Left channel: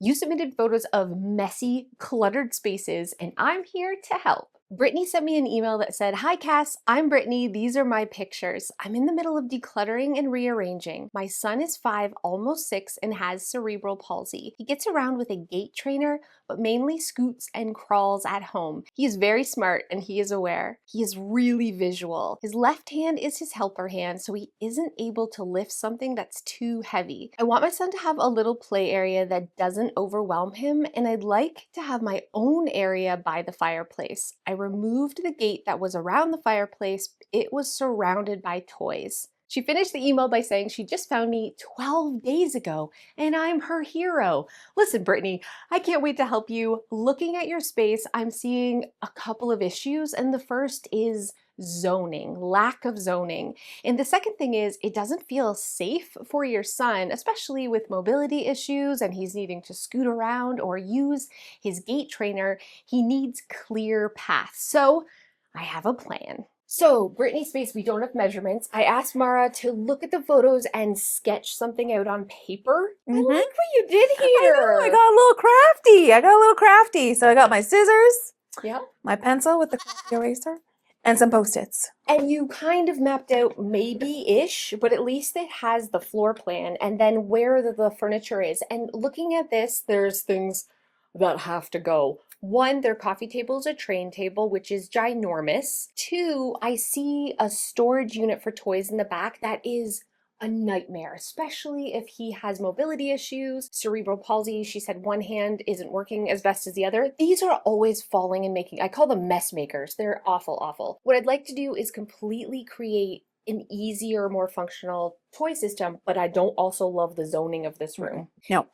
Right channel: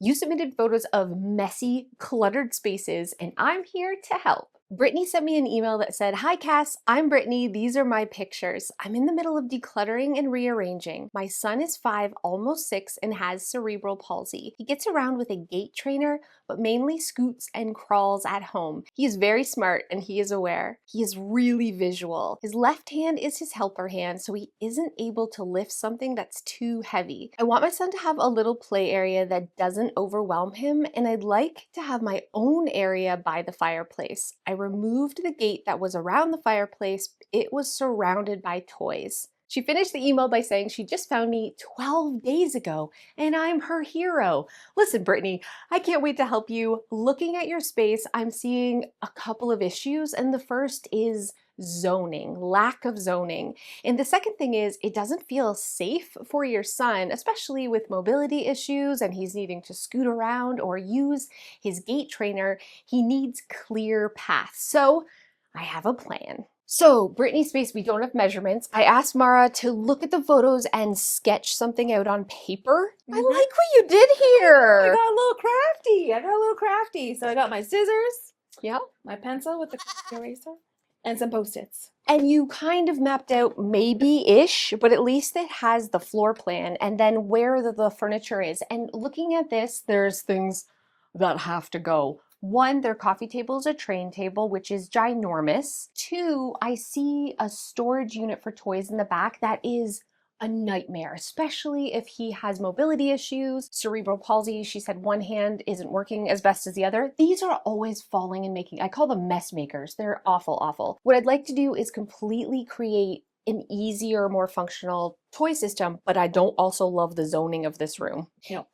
You submitted photos of messy, cluttered spaces, and I'm here to help. Brittany sent me an email that said, "Hi Cass, I'm Brittany. These are my pictures. I'm in the middle of decluttering and rearranging. My son is 5, almost 6, and has cerebral palsy. He gets around with a gait trainer, but mainly scoots and crawls at home. He is very smart and he is aware. He is really visual. His left hand is his helper hand, so he isn't able to lift something that's too heavy. I want my son to have a little play area that doesn't overwhelm him, and I'd like to have my own area by the fireplace. I removed the gate that was around the fireplace. It was surrounded by toys." She finished the email by saying she just found me 12 days ago and I'm her hero. Listen, Brittany, I can't wait to help you. Looking at your space, I'm seeing a couple of issues, and the first is zoning, lack of zoning. And the second thing is it doesn't feel safe for your son, especially with mobility issues and he's needing to scoot around or use his gait trainer. He needs clear paths. So I have a plan. So, Brittany's space, we don't have measurements. I asked Mara to look at the photos and sketch something out on paper. I like what you did here. I got a little crafty. So I got my scissors, Yep. my pencil with the eraser, and some Post-its. And you kind of mapped out maybe-ish, but at least it has the floor plan and then where the furniture is. And looking at this, there's things that have to go. 1, their coffee table is a train table, which is ginormous. 2, I see a storage unit for toys in the back that is a nightmare, especially if he has mobility issues, cerebral palsy. She said one hand isn't working as best as the other. These are always falling and making, I call them mess makers. They're awful, awful. What I'd like to do is completely create an easier, more functional toy system, but I don't also love the zoning of this room. No.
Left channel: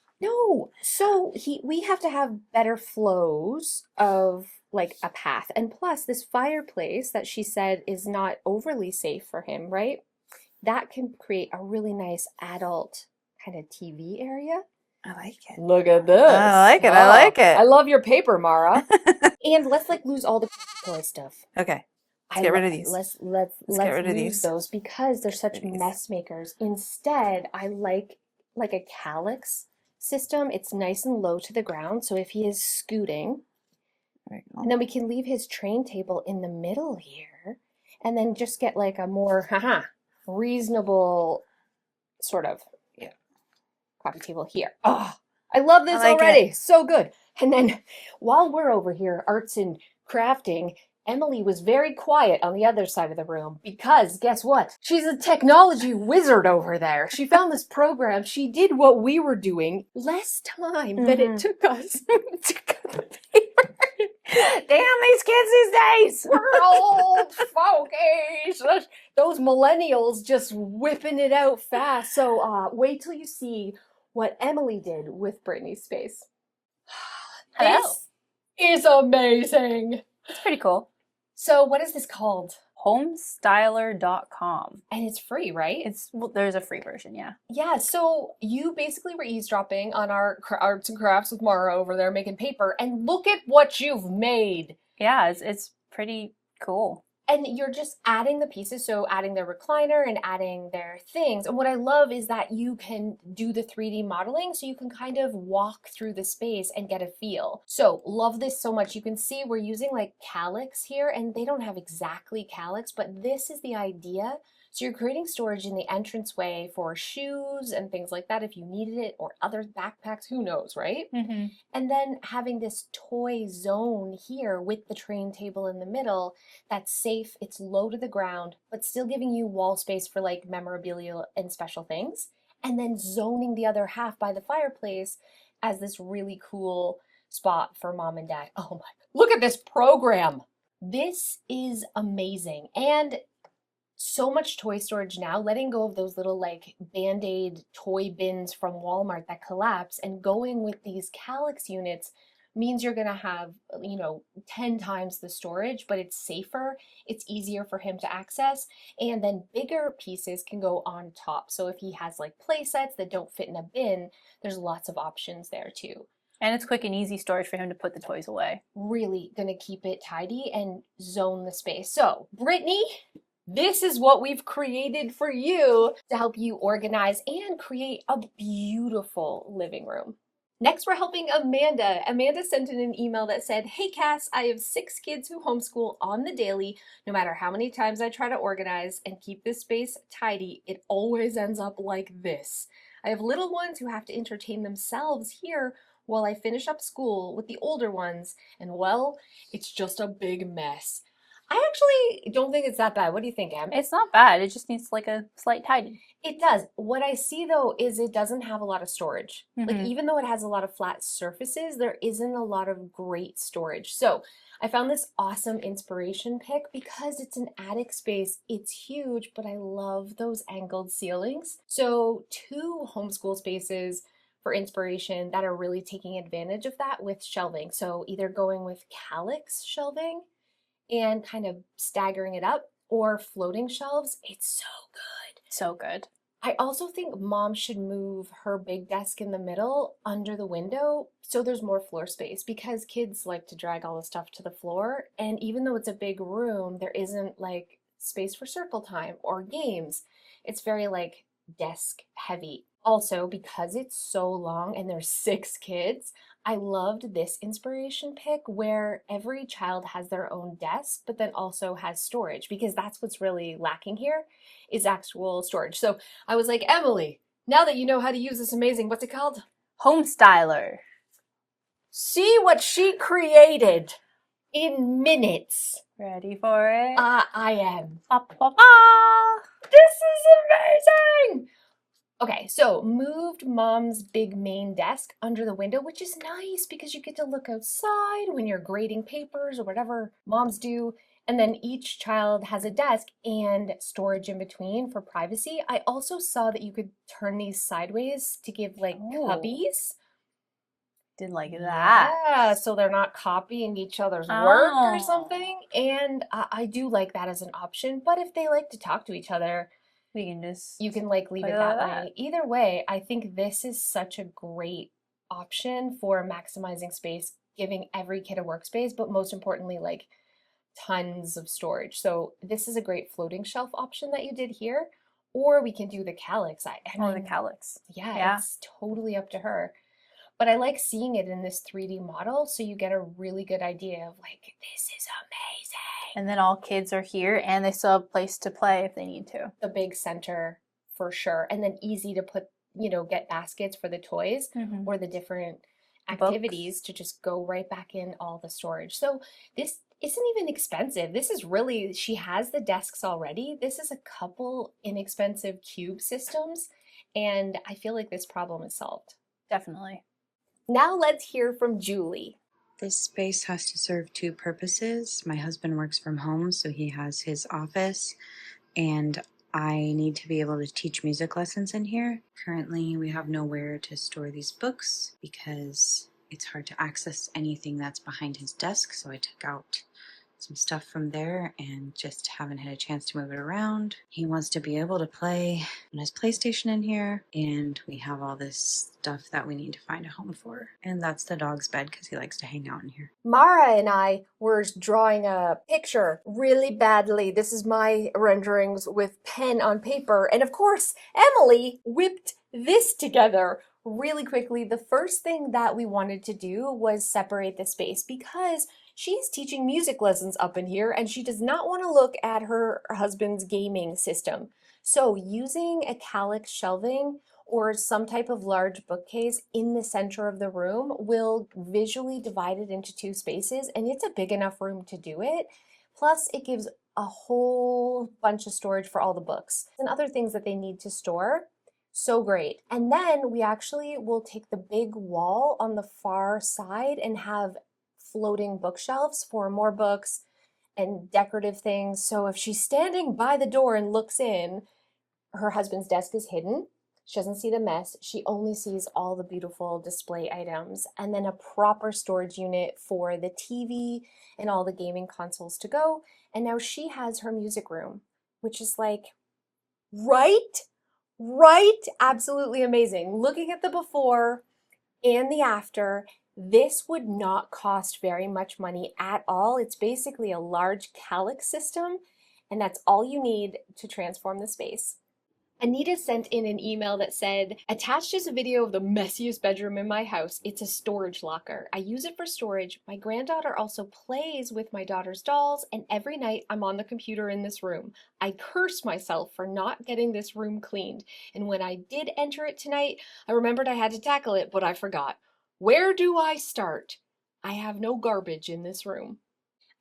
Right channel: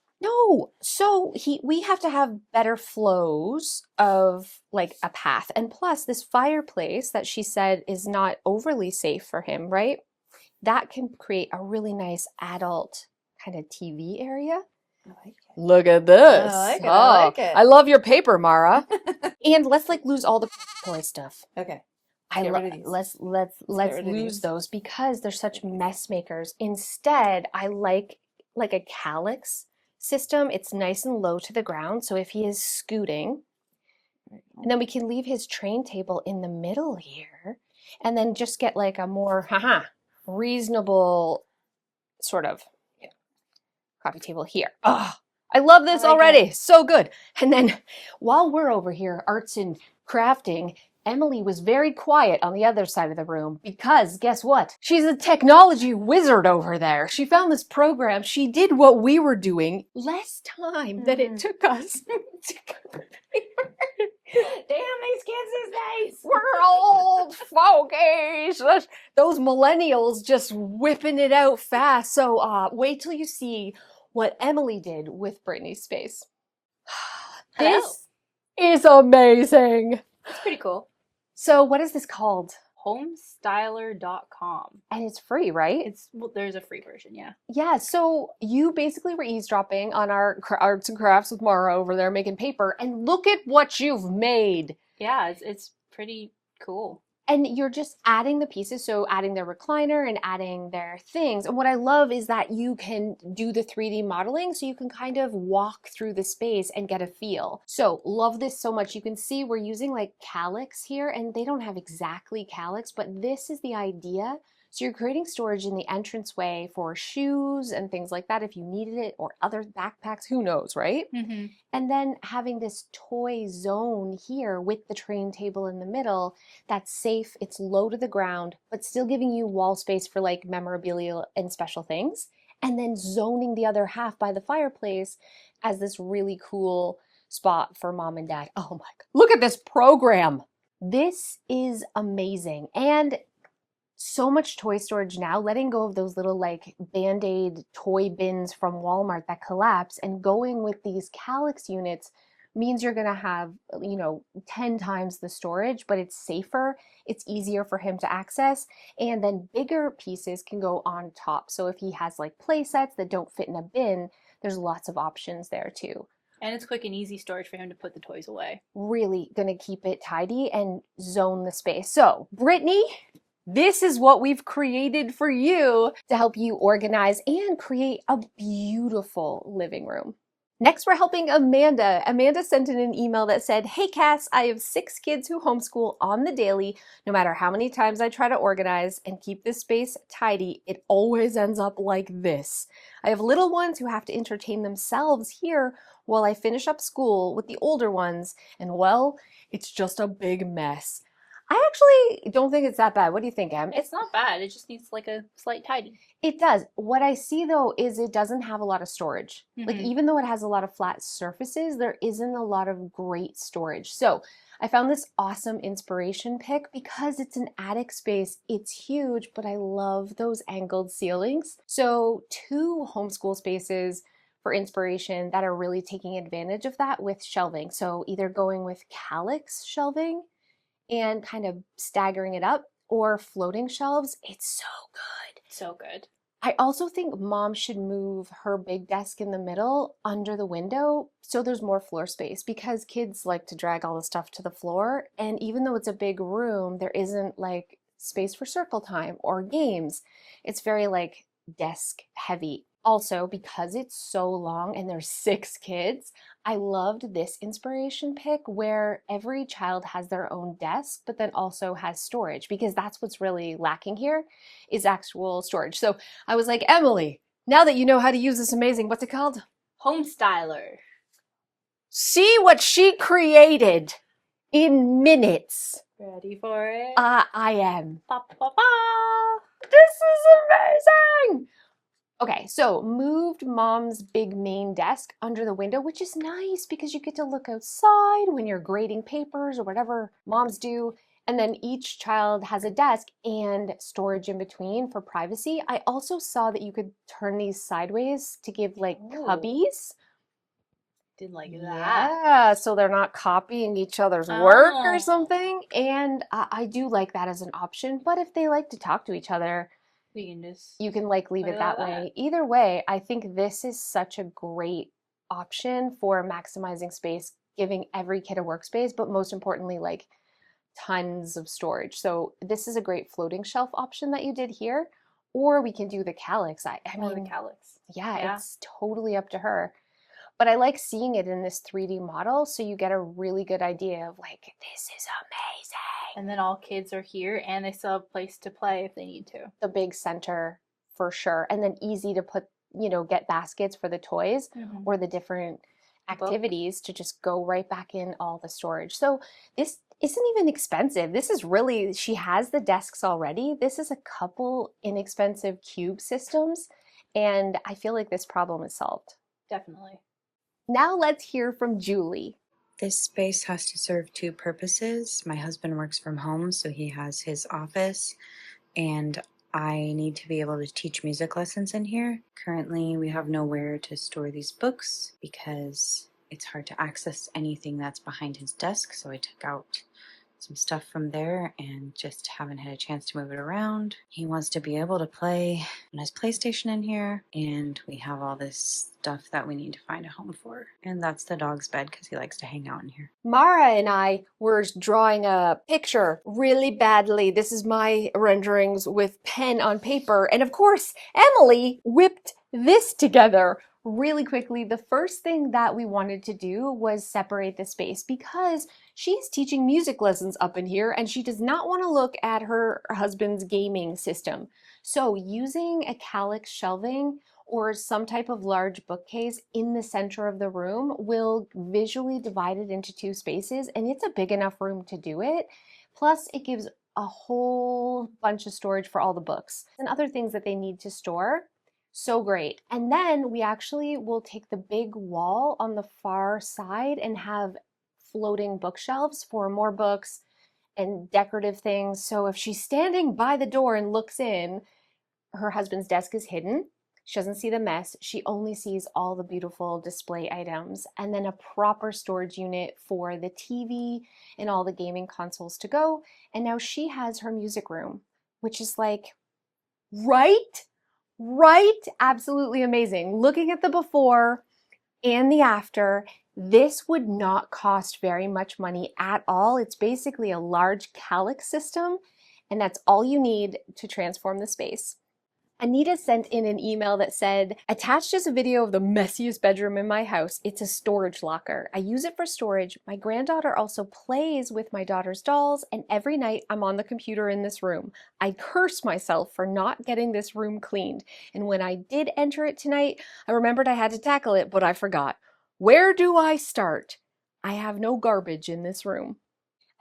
So we have to have better flows of like a path. And plus this fireplace that she said is not overly safe for him, right? That can create a really nice adult kind of TV area. I like it. Look at this. I like it. I like it. I love your paper, Mara. And let's like lose all the toy stuff. Okay. Let's get rid of these. Let's get rid of lose these. those because they're such mess makers. Instead, I like a calyx system. It's nice and low to the ground. So if he is scooting, and then we can leave his train table in the middle here and then just get like a more reasonable sort of coffee table here. Oh, I love this already. So good. And then while we're over here, arts and crafting, Emily was very quiet on the other side of the room because guess what? She's a technology wizard over there. She found this program. She did what we were doing less time than it took us to cut the paper. Damn these kids these days. We're old fogies. Those millennials just whipping it out fast. So wait till you see what Emily did with Brittany's space. Hello. This is amazing. It's pretty cool. So what is this called? Homestyler.com. And it's free, right? There's a free version, yeah. Yeah, so you basically were eavesdropping on our arts and crafts with Mara over there making paper, and look at what you've made. Yeah, it's pretty cool. And you're just adding the pieces, so adding their recliner and adding their things. And what I love is that you can do the 3D modeling, so you can kind of walk through the space and get a feel. So love this so much. You can see we're using like calyx here, and they don't have exactly calyx, but this is the idea. So you're creating storage in the entranceway for shoes and things like that if you needed it, or other backpacks, who knows, right? Mm-hmm. And then having this toy zone here with the train table in the middle that's safe, it's low to the ground, but still giving you wall space for like memorabilia and special things. And then zoning the other half by the fireplace as this really cool spot for mom and dad. Oh my God, look at this program. This is amazing. And so much toy storage now, letting go of those little like Band-Aid toy bins from Walmart that collapse and going with these calyx units means you're going to have, 10 times the storage, but it's safer, it's easier for him to access, and then bigger pieces can go on top. So if he has like play sets that don't fit in a bin, there's lots of options there too. And it's quick and easy storage for him to put the toys away. Really going to keep it tidy and zone the space. So, Brittany, this is what we've created for you to help you organize and create a beautiful living room. Next, we're helping Amanda. Amanda sent in an email that said, "Hey Cass, I have 6 kids who homeschool on the daily. No matter how many times I try to organize and keep this space tidy, it always ends up like this. I have little ones who have to entertain themselves here while I finish up school with the older ones, and well, it's just a big mess." I actually don't think it's that bad. What do you think, Em? It's not bad. It just needs like a slight tidy. It does. What I see though is it doesn't have a lot of storage. Like Mhm. even though it has a lot of flat surfaces, there isn't a lot of great storage. So I found this awesome inspiration pick because it's an attic space. It's huge, but I love those angled ceilings. So 2 homeschool spaces for inspiration that are really taking advantage of that with shelving. So either going with calyx shelving and kind of staggering it up or floating shelves. It's so good. So good. I also think mom should move her big desk in the middle under the window so there's more floor space because kids like to drag all the stuff to the floor. And even though it's a big room, there isn't like space for circle time or games. It's very like desk heavy. Also, because it's so long and there's 6 kids, I loved this inspiration pick where every child has their own desk, but then also has storage because that's what's really lacking here is actual storage. So I was like, Emily, now that you know how to use this amazing, what's it called? Home styler. See what she created in minutes. Ready for it? I am. Ba, ba, ba. This is amazing. Okay, so moved mom's big main desk under the window, which is nice because you get to look outside when you're grading papers or whatever moms do. And then each child has a desk and storage in between for privacy. I also saw that you could turn these sideways to give like Ooh. cubbies. Did like that. Yeah, so they're not copying each other's work or Oh. something. And I do like that as an option. But if they like to talk to each other, We can just you can like leave put it it that like way. Either way, I think this is such a great option for maximizing space, giving every kid a workspace, but most importantly, like tons of storage. So this is a great floating shelf option that you did here, or we can do the calyx. I Oh, the mean, calyx. yeah, Yeah. it's totally up to her. But I like seeing it in this 3D model, so you get a really good idea of like, this is amazing. And then all kids are here and they still have a place to play if they need to. The big center for sure. And then easy to put, get baskets for the toys Mhm. or the different activities to just go right back in all the storage. So this isn't even expensive. This is really, she has the desks already. This is a couple inexpensive cube systems. And I feel like this problem is solved. Definitely. Now let's hear from Julie. This space has to serve 2 purposes. My husband works from home, so he has his office, and I need to be able to teach music lessons in here. Currently, we have nowhere to store these books because it's hard to access anything that's behind his desk, so I took out some stuff from there and just haven't had a chance to move it around. He wants to be able to play on his PlayStation in here, and we have all this stuff that we need to find a home for. And that's the dog's bed because he likes to hang out in here. Mara and I were drawing a picture really badly. This is my renderings with pen on paper. And of course, Emily whipped this together really quickly. The first thing that we wanted to do was separate the space because she's teaching music lessons up in here and she does not want to look at her husband's gaming system. So using a calyx shelving or some type of large bookcase in the center of the room will visually divide it into 2 spaces, and it's a big enough room to do it. Plus, it gives a whole bunch of storage for all the books and other things that they need to store. So great. And then we actually will take the big wall on the far side and have floating bookshelves for more books and decorative things. So if she's standing by the door and looks in, her husband's desk is hidden. She doesn't see the mess. She only sees all the beautiful display items and then a proper storage unit for the TV and all the gaming consoles to go. And now she has her music room, which is like, right? Absolutely amazing. Looking at the before and the after, this would not cost very much money at all. It's basically a large calyx system, and that's all you need to transform the space. Anita sent in an email that said, attached is a video of the messiest bedroom in my house. It's a storage locker. I use it for storage. My granddaughter also plays with my daughter's dolls, and every night I'm on the computer in this room. I curse myself for not getting this room cleaned. And when I did enter it tonight, I remembered I had to tackle it, but I forgot. Where do I start? I have no garbage in this room.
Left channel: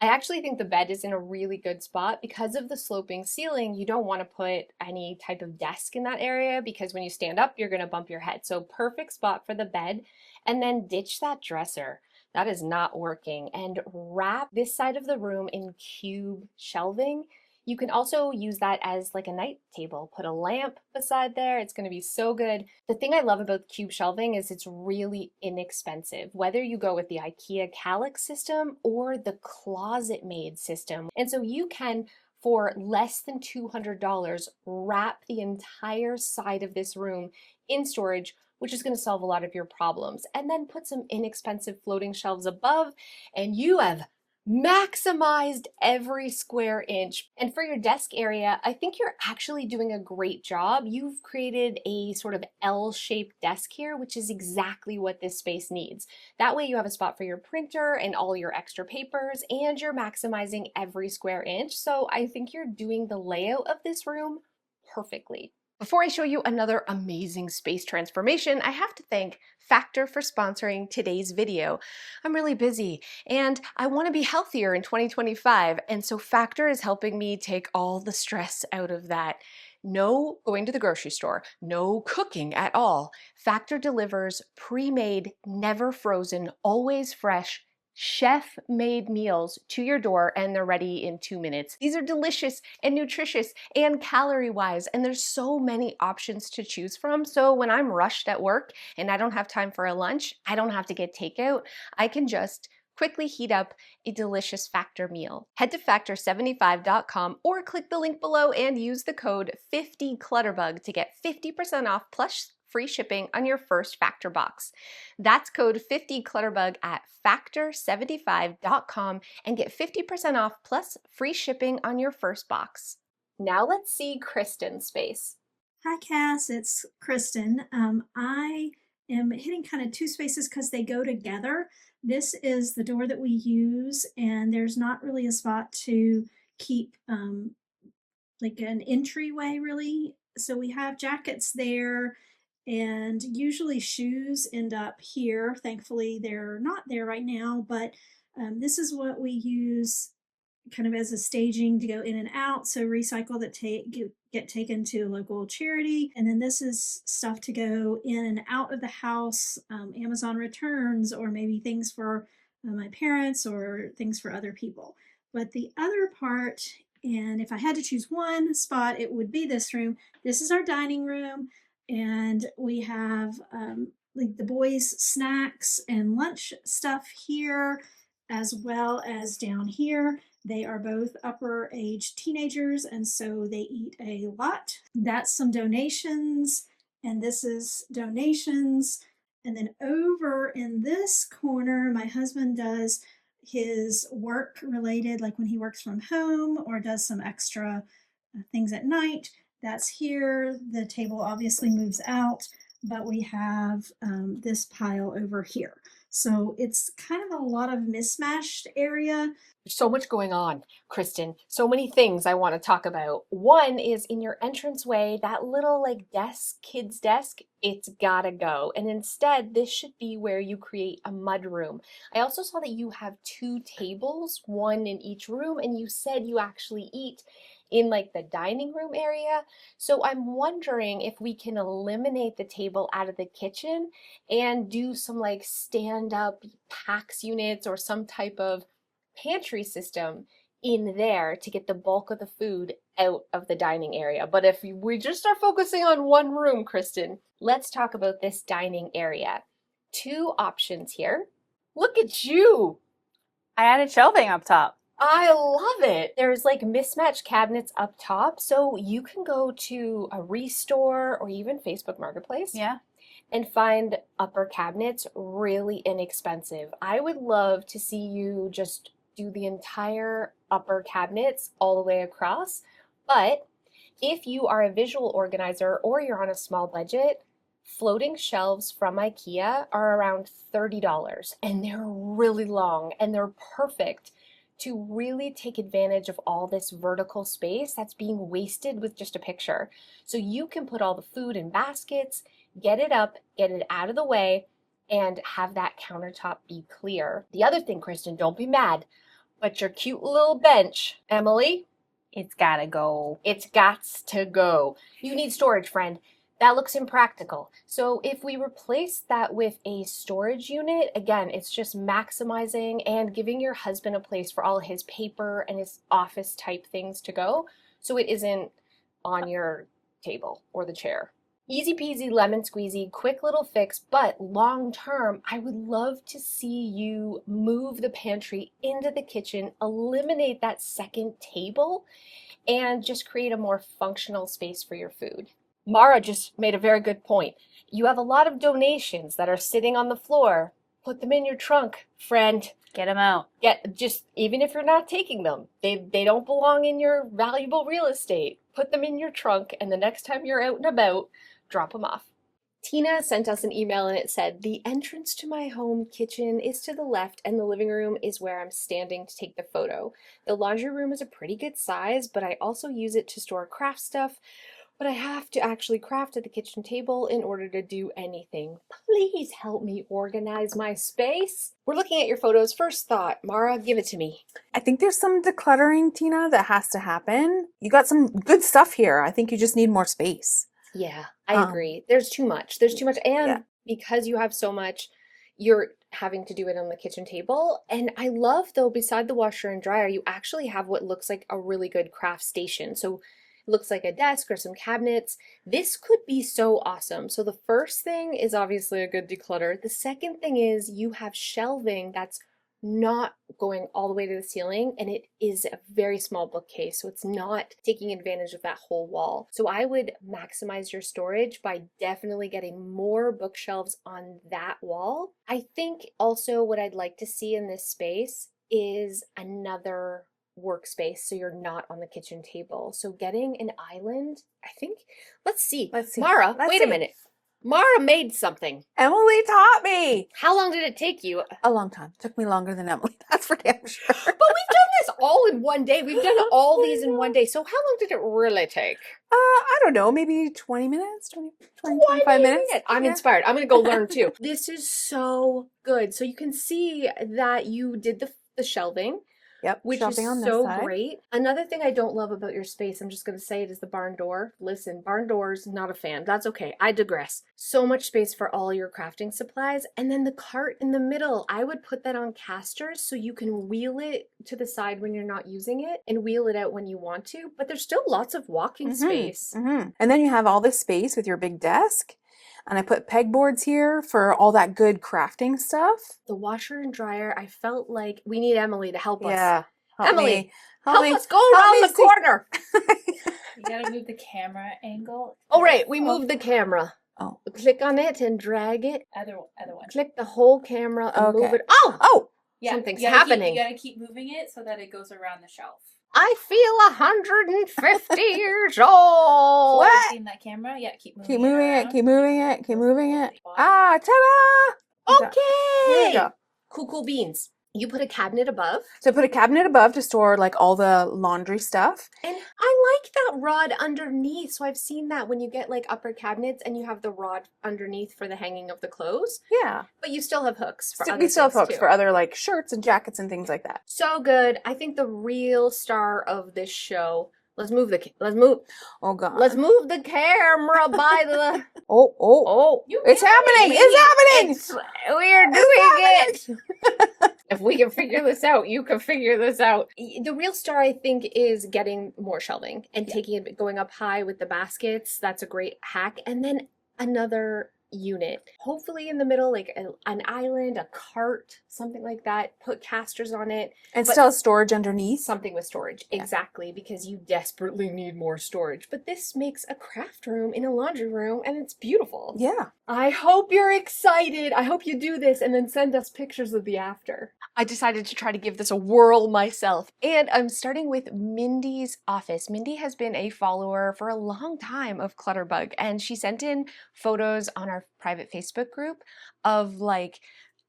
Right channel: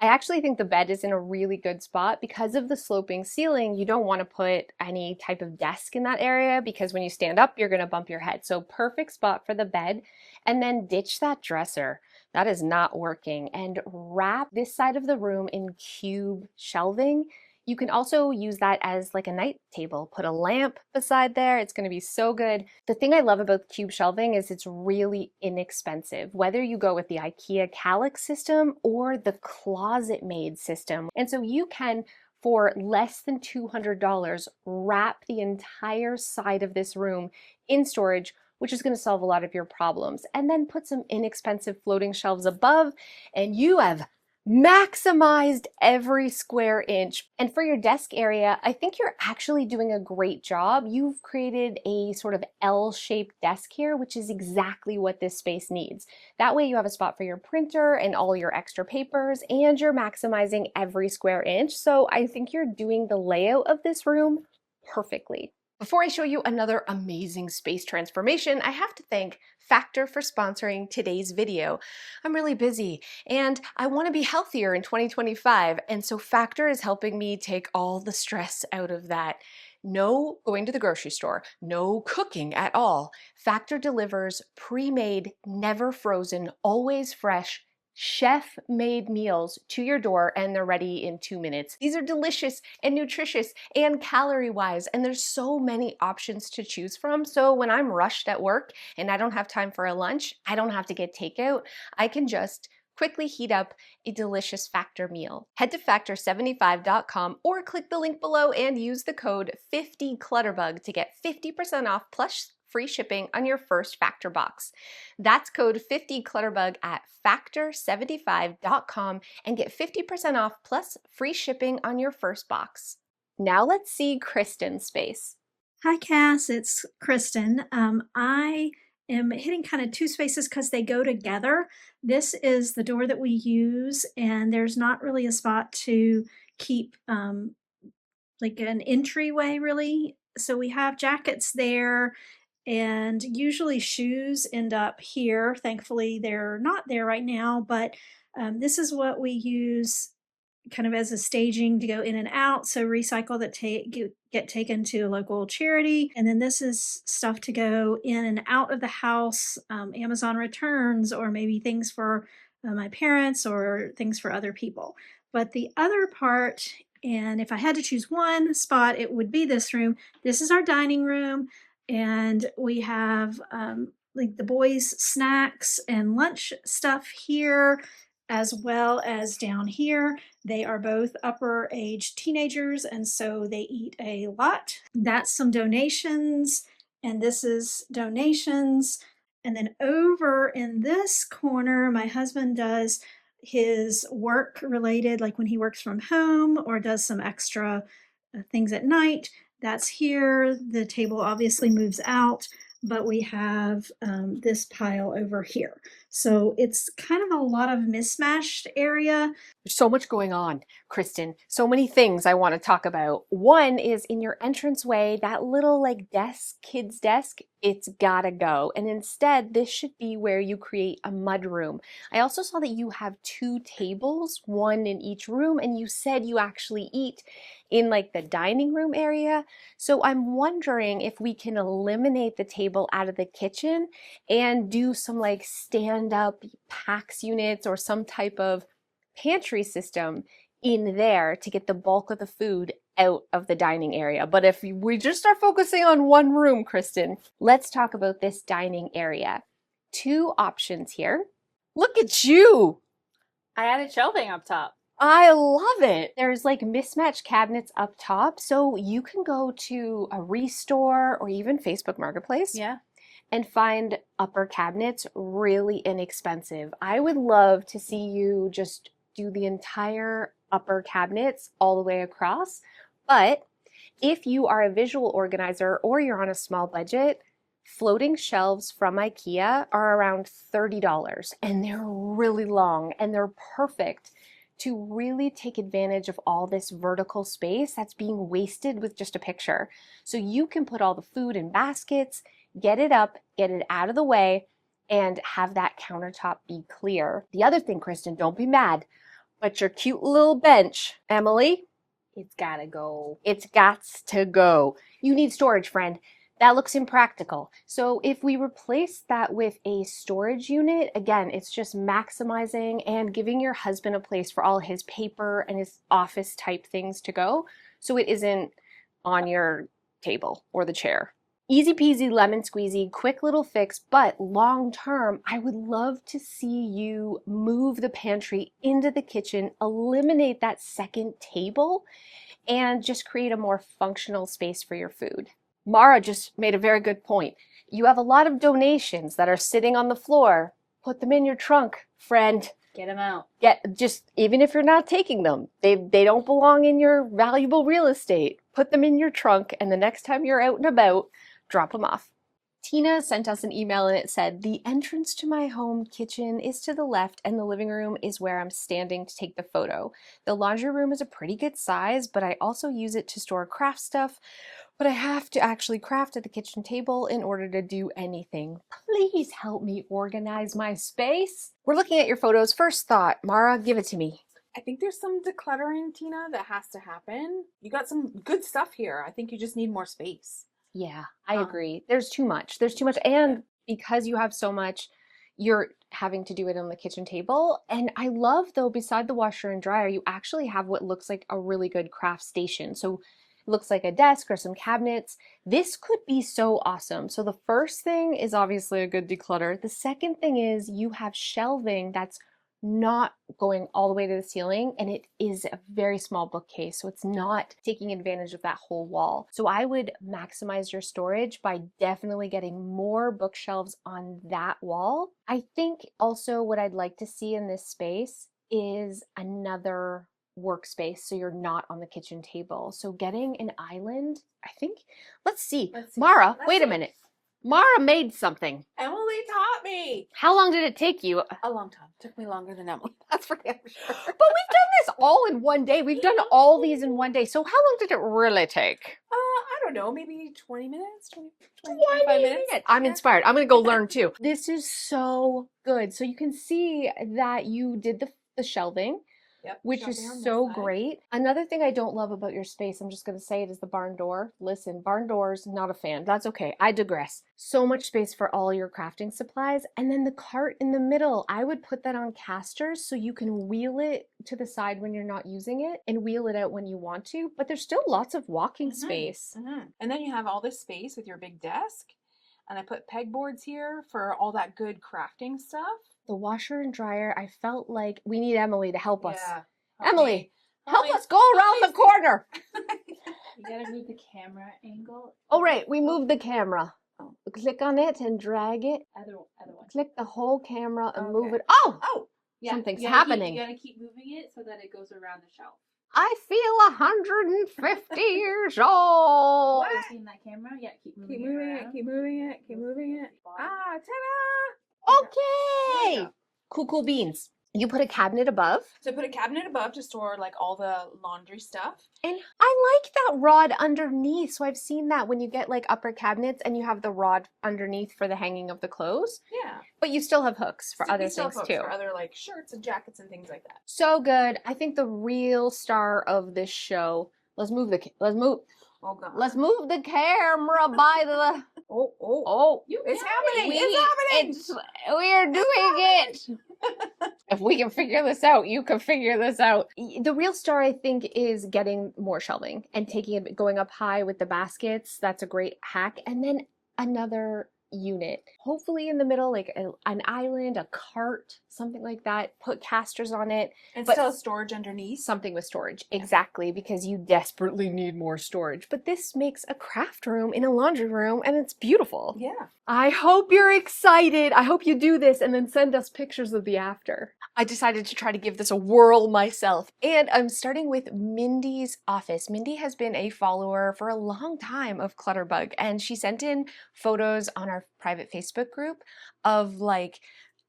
I actually think the bed is in a really good spot because of the sloping ceiling. You don't want to put any type of desk in that area because when you stand up, you're going to bump your head. So perfect spot for the bed. And then ditch that dresser. That is not working. And wrap this side of the room in cube shelving. You can also use that as like a night table. Put a lamp beside there. It's going to be so good. The thing I love about cube shelving is it's really inexpensive, whether you go with the IKEA Kallax system or the closet made system. And so you can, for less than $200, wrap the entire side of this room in storage, which is going to solve a lot of your problems. And then put some inexpensive floating shelves above, and you have maximized every square inch. And for your desk area, I think you're actually doing a great job. You've created a sort of L-shaped desk here, which is exactly what this space needs. That way you have a spot for your printer and all your extra papers, and you're maximizing every square inch. So I think you're doing the layout of this room perfectly. Before I show you another amazing space transformation, I have to thank Factor for sponsoring today's video. I'm really busy and I want to be healthier in 2025, and so Factor is helping me take all the stress out of that. No going to the grocery store, no cooking at all. Factor delivers pre-made, never frozen, always fresh, chef-made meals to your door, and they're ready in 2 minutes. These are delicious and nutritious and calorie-wise, and there's so many options to choose from. So when I'm rushed at work and I don't have time for a lunch, I don't have to get takeout. I can just quickly heat up a delicious Factor meal. Head to factor75.com or click the link below and use the code 50Clutterbug to get 50% off plus free shipping on your first Factor box. That's code 50Clutterbug at factor75.com and get 50% off plus free shipping on your first box. Now let's see Kristen's space. Hi, Cass. It's Kristen. I am hitting kind of two spaces because they go together. This is the door that we use, and there's not really a spot to keep like an entryway, really. So we have jackets there, and usually shoes end up here. Thankfully, they're not there right now, but this is what we use kind of as a staging to go in and out. So recycle that get taken to a local charity. And then this is stuff to go in and out of the house, Amazon returns, or maybe things for my parents or things for other people. But the other part, and if I had to choose one spot, it would be this room. This is our dining room, and we have like the boys' snacks and lunch stuff here, as well as down here. They are both upper age teenagers, and so they eat a lot. That's some donations, and this is donations. And then over in this corner, my husband does his work related, like when he works from home or does some extra things at night. That's here. The table obviously moves out, but we have this pile over here. So it's kind of a lot of mismatched area. There's so much going on, Kristen. So many things I want to talk about. One is in your entranceway, that little like desk, kid's desk, it's gotta go. And instead, this should be where you create a mud room. I also saw that you have 2 tables, one in each room, and you said you actually eat in like the dining room area. So I'm wondering if we can eliminate the table out of the kitchen and do some like stand-up PAX units or some type of pantry system in there to get the bulk of the food out of the dining area. But if we just start focusing on one room, Kristen, let's talk about this dining area. 2 options here. Look at you. I added shelving up top. I love it. There's like mismatched cabinets up top, so you can go to a Restore or even Facebook Marketplace. Yeah. And find upper cabinets really inexpensive. I would love to see you just do the entire upper cabinets all the way across, but If you are a visual organizer or you're on a small budget, floating shelves from IKEA are around $30 and they're really long and they're perfect to really take advantage of all this vertical space that's being wasted with just a picture. So you can put all the food in baskets, get it up, get it out of the way, and have that countertop be clear. The other thing, Kristen, don't be mad, but your cute little bench, Emily, It's gotta go. it's gots to go. You need storage, friend. That looks impractical. So if we replace that with a storage unit, again, it's just maximizing and giving your husband a place for all his paper and his office type things to go, so it isn't on your table or the chair. Easy peasy, lemon squeezy, quick little fix, but long term, I would love to see you move the pantry into the kitchen, eliminate that second table, and just create a more functional space for your food. Mara just made a very good point. You have a lot of donations that are sitting on the floor. Put them in your trunk, friend. Get them out. Even if you're not taking them, they don't belong in your valuable real estate. Put them in your trunk, and the next time you're out and about, drop them off. Tina sent us an email and it said, the entrance to my home kitchen is to the left and the living room is where I'm standing to take the photo. The laundry room is a pretty good size, but I also use it to store craft stuff. But I have to actually craft at the kitchen table in order to do anything. Please help me organize my space. We're looking at your photos. First thought, Mara, give it to me. I think there's some decluttering, Tina, that has to happen. You got some good stuff here. I think you just need more space. Yeah, I agree. There's too much. There's too much. And because you have so much, you're having to do it on the kitchen table. And I love, though, beside the washer and dryer, you actually have what looks like a really good craft station. So it looks like a desk or some cabinets. This could be so awesome. So the first thing is obviously a good declutter. The second thing is you have shelving that's not going all the way to the ceiling, and it is a very small bookcase, so it's not taking advantage of that whole wall. So I would maximize your storage by definitely getting more bookshelves on that wall. I think also what I'd like to see in this space is another workspace so you're not on the kitchen table. So getting an island, I think, let's see. Mara, wait a minute. Mara made something. Emily taught me. How long did it take you? A long time. Took me longer than Emily. That's for damn sure. But we've done this all in one day. We've done all these in one day. So how long did it really take? I don't know. Maybe 20 minutes, 25 minutes. I'm inspired. I'm going to go learn too. This is so good. So you can see that you did the shelving. Yep, which is on this so side. great. Another thing I don't love about your space, I'm just going to say it, is the barn door. Listen, barn doors, not a fan. That's okay. I digress. So much space for all your crafting supplies. And then the cart in the middle, I would put that on casters so you can wheel it to the side when you're not using it and wheel it out when you want to. But there's still lots of walking space. And then you have all this space with your big desk. And I put pegboards here for all that good crafting stuff. The washer and dryer, I felt like we need Emily to help us. Yeah. Emily, help us go help around me the corner. You gotta move the camera angle. Oh, right. We moved the camera. Oh. Click on it and drag it. Other one. Click the whole camera and move Okay. it. Oh! Yeah, Something's you gotta happening. you gotta keep moving it so that it goes around the shelf. I feel 150 years old. What? Seen that camera? Yeah, keep moving Keep moving it, around. keep moving it, keep moving it. Bottom. Ah, ta-da! Here we Okay. go. Cool beans. You put a cabinet above. So I put a cabinet above to store like all the laundry stuff. And I like that rod underneath. So I've seen that when you get like upper cabinets and you have the rod underneath for the hanging of the clothes. Yeah. But you still have hooks for other We still have things hooks too. for other like shirts and jackets and things like that. So good. I think the real star of this show. Let's move the Oh god. camera by the. Oh. You It's can. happening. It's happening. We're doing it. If we can figure this out, you can figure this out. The real star, I think, is getting more shelving and taking it, going up high with the baskets. That's a great hack. And then another unit. hopefully in the middle, like an island, a cart, something like that. Put casters on it. And but still have storage underneath. something with storage. Yeah. Exactly, because you desperately need more storage. But this makes a craft room in a laundry room, and it's beautiful. Yeah. I hope you're excited. I hope you do this and then send us pictures of the after. I decided to try to give this a whirl myself, and I'm starting with Mindy's office. Mindy has been a follower for a long time of Clutterbug, and she sent in photos on our private Facebook group of like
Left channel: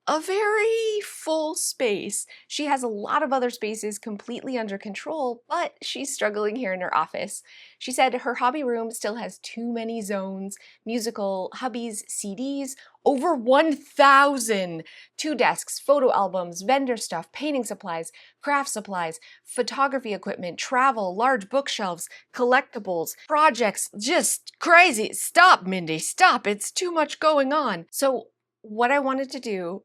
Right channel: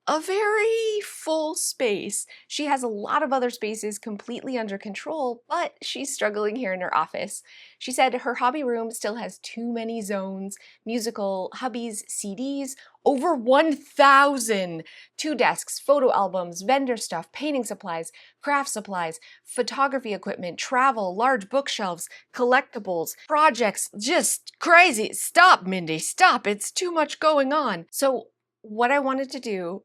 a very full space. She has a lot of other spaces completely under control, but she's struggling here in her office. She said her hobby room still has too many zones, musical, hubbies, CDs, over 1,000, 2 desks, photo albums, vendor stuff, painting supplies, craft supplies, photography equipment, travel, large bookshelves, collectibles, projects, just crazy. Stop, Mindy, stop. It's too much going on. So what I wanted to do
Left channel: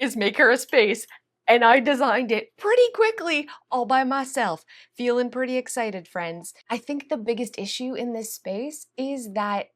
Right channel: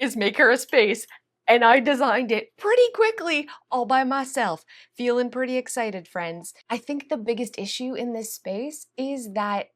is make her a space, and I designed it pretty quickly all by myself. Feeling pretty excited, friends. I think the biggest issue in this space is that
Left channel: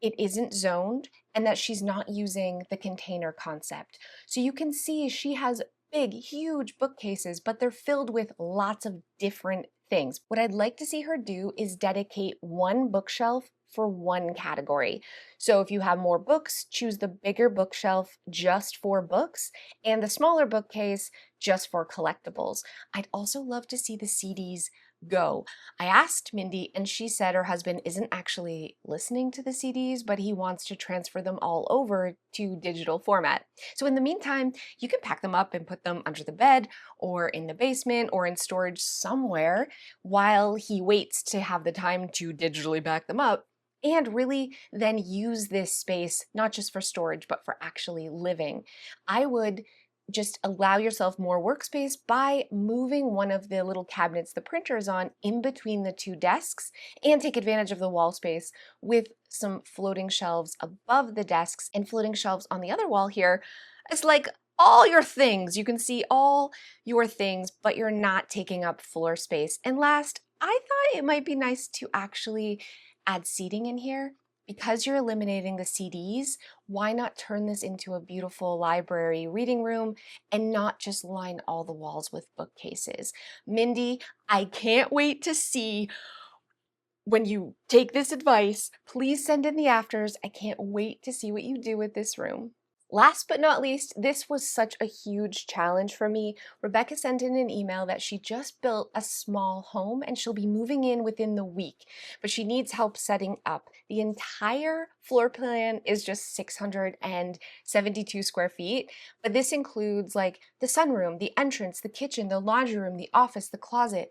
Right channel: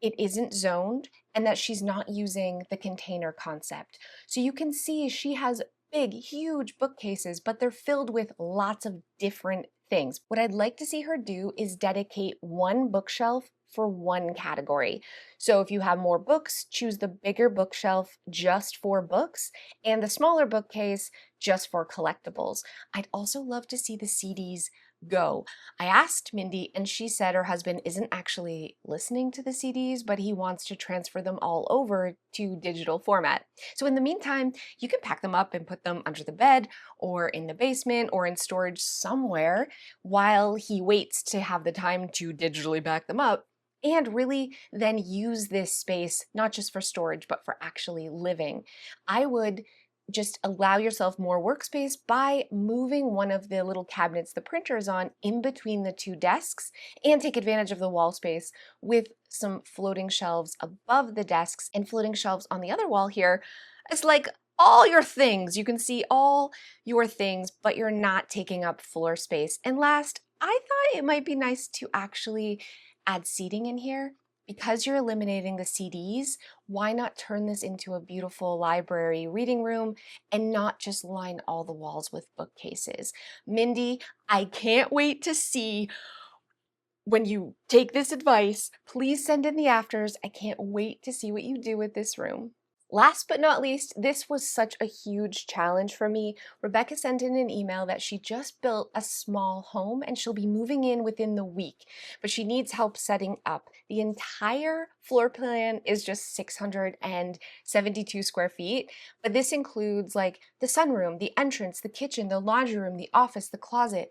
it isn't zoned and that she's not using the container concept. So you can see she has big, huge bookcases, but they're filled with lots of different things. What I'd like to see her do is dedicate one bookshelf for one category. So if you have more books, choose the bigger bookshelf just for books and the smaller bookcase just for collectibles. I'd also love to see the CDs go. I asked Mindy and she said her husband isn't actually listening to the CDs, but he wants to transfer them all over to digital format. So in the meantime, you can pack them up and put them under the bed or in the basement or in storage somewhere while he waits to have the time to digitally back them up. And really then use this space not just for storage, but for actually living. I would just allow yourself more workspace by moving one of the little cabinets the printer is on in between the 2 desks, and take advantage of the wall space with some floating shelves above the desks and floating shelves on the other wall here. It's like all your things. You can see all your things, but you're not taking up floor space. And last, I thought it might be nice to actually add seating in here. Because you're eliminating the CDs, why not turn this into a beautiful library reading room and not just line all the walls with bookcases? Mindy, I can't wait to see when you take this advice. Please send in the afters. I can't wait to see what you do with this room. Last but not least, this was such a huge challenge for me. Rebecca sent in an email that she just built a small home and she'll be moving in within the week, but she needs help setting up. The entire floor plan is just 672 square feet, but this includes like the sunroom, the entrance, the kitchen, the laundry room, the office, the closet,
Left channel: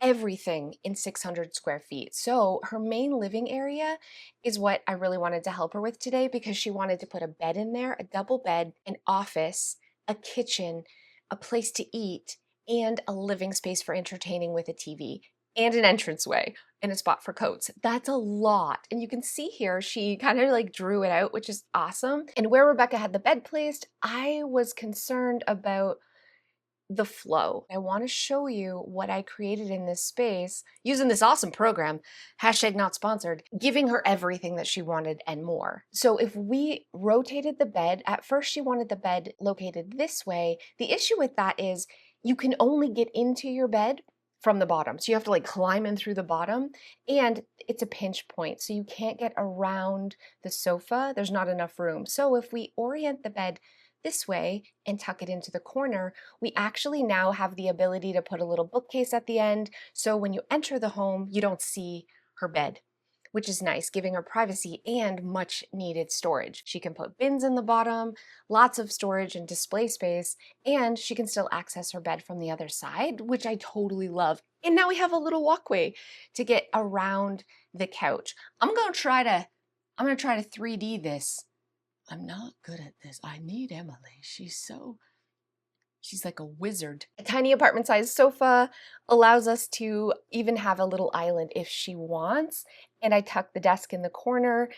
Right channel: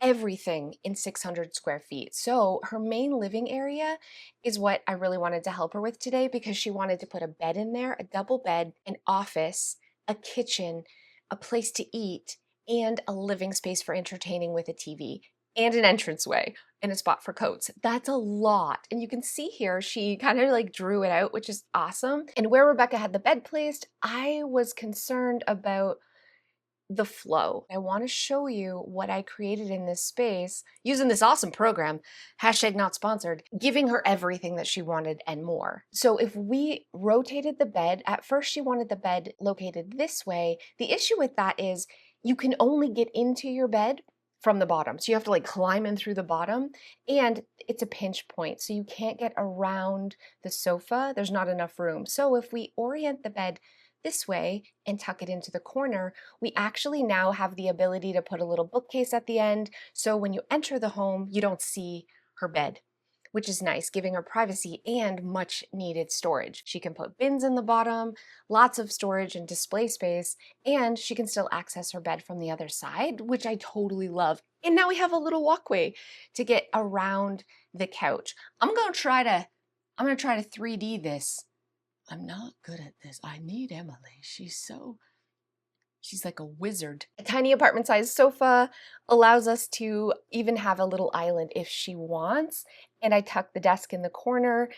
everything in 600 square feet. So her main living area is what I really wanted to help her with today, because she wanted to put a bed in there, a double bed, an office, a kitchen, a place to eat, and a living space for entertaining with a TV, and an entranceway and a spot for coats. That's a lot. And you can see here, she kind of like drew it out, which is awesome. And where Rebecca had the bed placed, I was concerned about the flow. I want to show you what I created in this space using this awesome program, hashtag not sponsored, giving her everything that she wanted and more. So if we rotated the bed, at first she wanted the bed located this way. The issue with that is you can only get into your bed from the bottom. So you have to like climb in through the bottom, and it's a pinch point. So you can't get around the sofa. There's not enough room. So if we orient the bed this way and tuck it into the corner, we actually now have the ability to put a little bookcase at the end. So when you enter the home, you don't see her bed, which is nice, giving her privacy and much needed storage. She can put bins in the bottom, lots of storage and display space, and she can still access her bed from the other side, which I totally love. And now we have a little walkway to get around the couch. I'm gonna try to 3D this. I'm not good at this. I need Emily. She's like a wizard. A tiny apartment size sofa allows us to even have a little island if she wants. And I tuck the desk in the corner.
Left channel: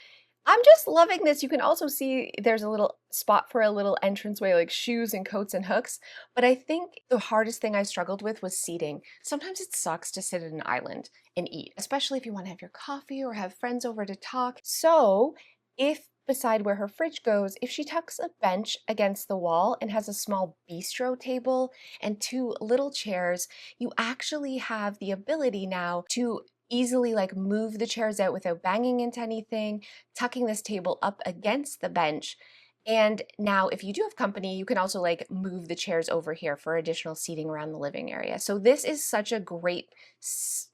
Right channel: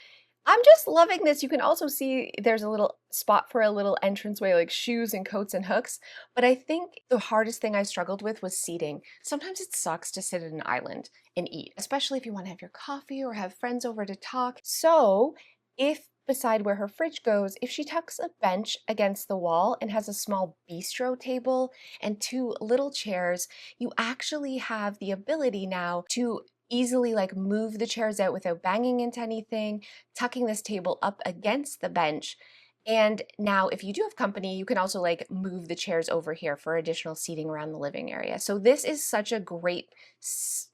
I'm just loving this. You can also see there's a little spot for a little entranceway, like shoes and coats and hooks. But I think the hardest thing I struggled with was seating. Sometimes it sucks to sit at an island and eat, especially if you want to have your coffee or have friends over to talk. So if beside where her fridge goes, if she tucks a bench against the wall and has a small bistro table and 2 little chairs, you actually have the ability now to easily like move the chairs out without banging into anything, tucking this table up against the bench. And now if you do have company, you can also like move the chairs over here for additional seating around the living area. So this is such a great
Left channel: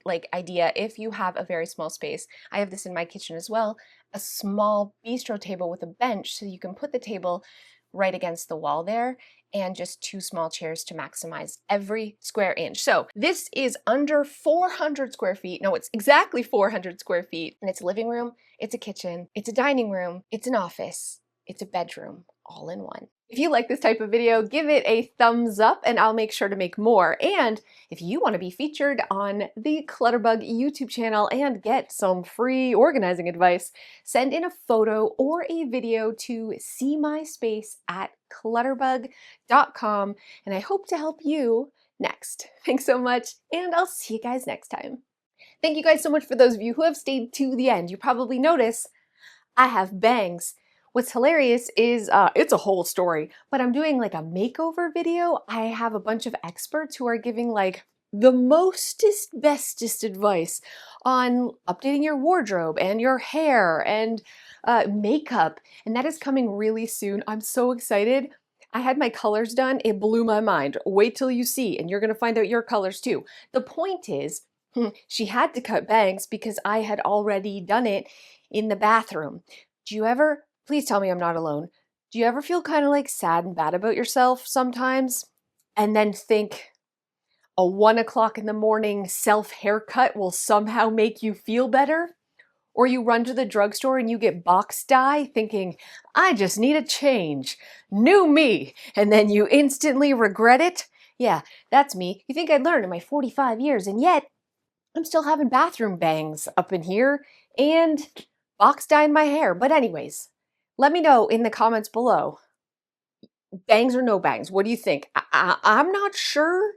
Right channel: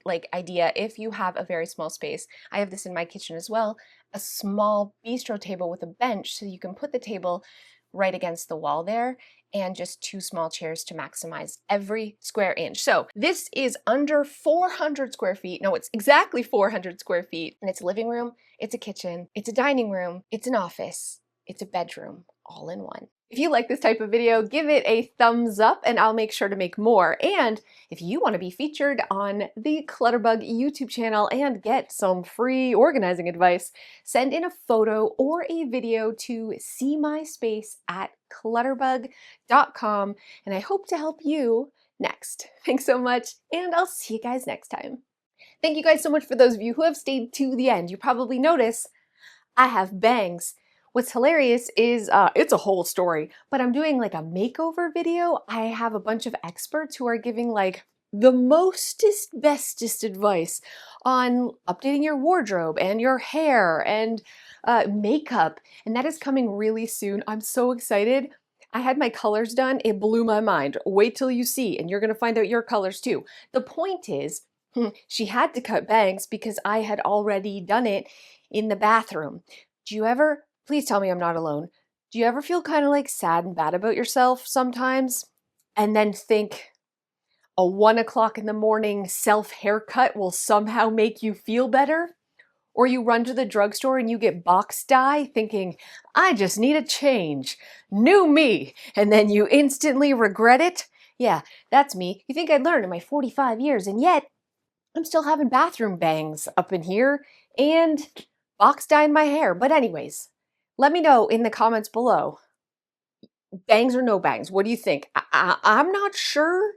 like idea if you have a very small space. I have this in my kitchen as well, a small bistro table with a bench so you can put the table right against the wall there, and just 2 small chairs to maximize every square inch. So this is under 400 square feet. No, it's exactly 400 square feet. And it's a living room, it's a kitchen, it's a dining room, it's an office, it's a bedroom, all in one. If you like this type of video, give it a thumbs up and I'll make sure to make more. And if you want to be featured on the Clutterbug YouTube channel and get some free organizing advice, send in a photo or a video to SeeMySpace@clutterbug.com, and I hope to help you next. Thanks so much, and I'll see you guys next time. Thank you guys so much for those of you who have stayed to the end. You probably notice I have bangs. What's hilarious is, it's a whole story, but I'm doing like a makeover video. I have a bunch of experts who are giving like the mostest, bestest advice on updating your wardrobe and your hair and makeup, and that is coming really soon. I'm so excited. I had my colors done. It blew my mind. Wait till you see, and you're gonna find out your colors too. The point is, she had to cut bangs because I had already done it in the bathroom. Do you ever, please tell me I'm not alone, do you ever feel kind of like sad and bad about yourself sometimes? And then think a 1 o'clock in the morning self haircut will somehow make you feel better? Or you run to the drugstore and you get box dye thinking, I just need a change, new me, and then you instantly regret it? Yeah, that's me. You think I'd learn in my 45 years, and yet I'm still having bathroom bangs up in here and box dye in my hair. But anyways, let me know in the comments below. Bangs or no bangs? What do you think? I'm not sure.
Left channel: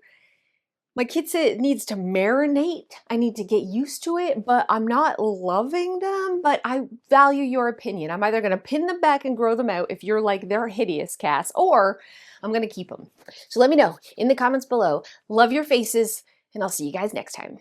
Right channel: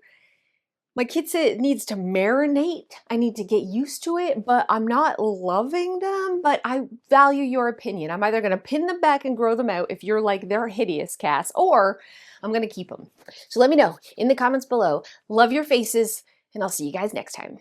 My kid said it needs to marinate. I need to get used to it, but I'm not loving them. But I value your opinion. I'm either going to pin them back and grow them out if you're like, they're hideous, Cass, or I'm going to keep them. So let me know in the comments below. Love your faces, and I'll see you guys next time.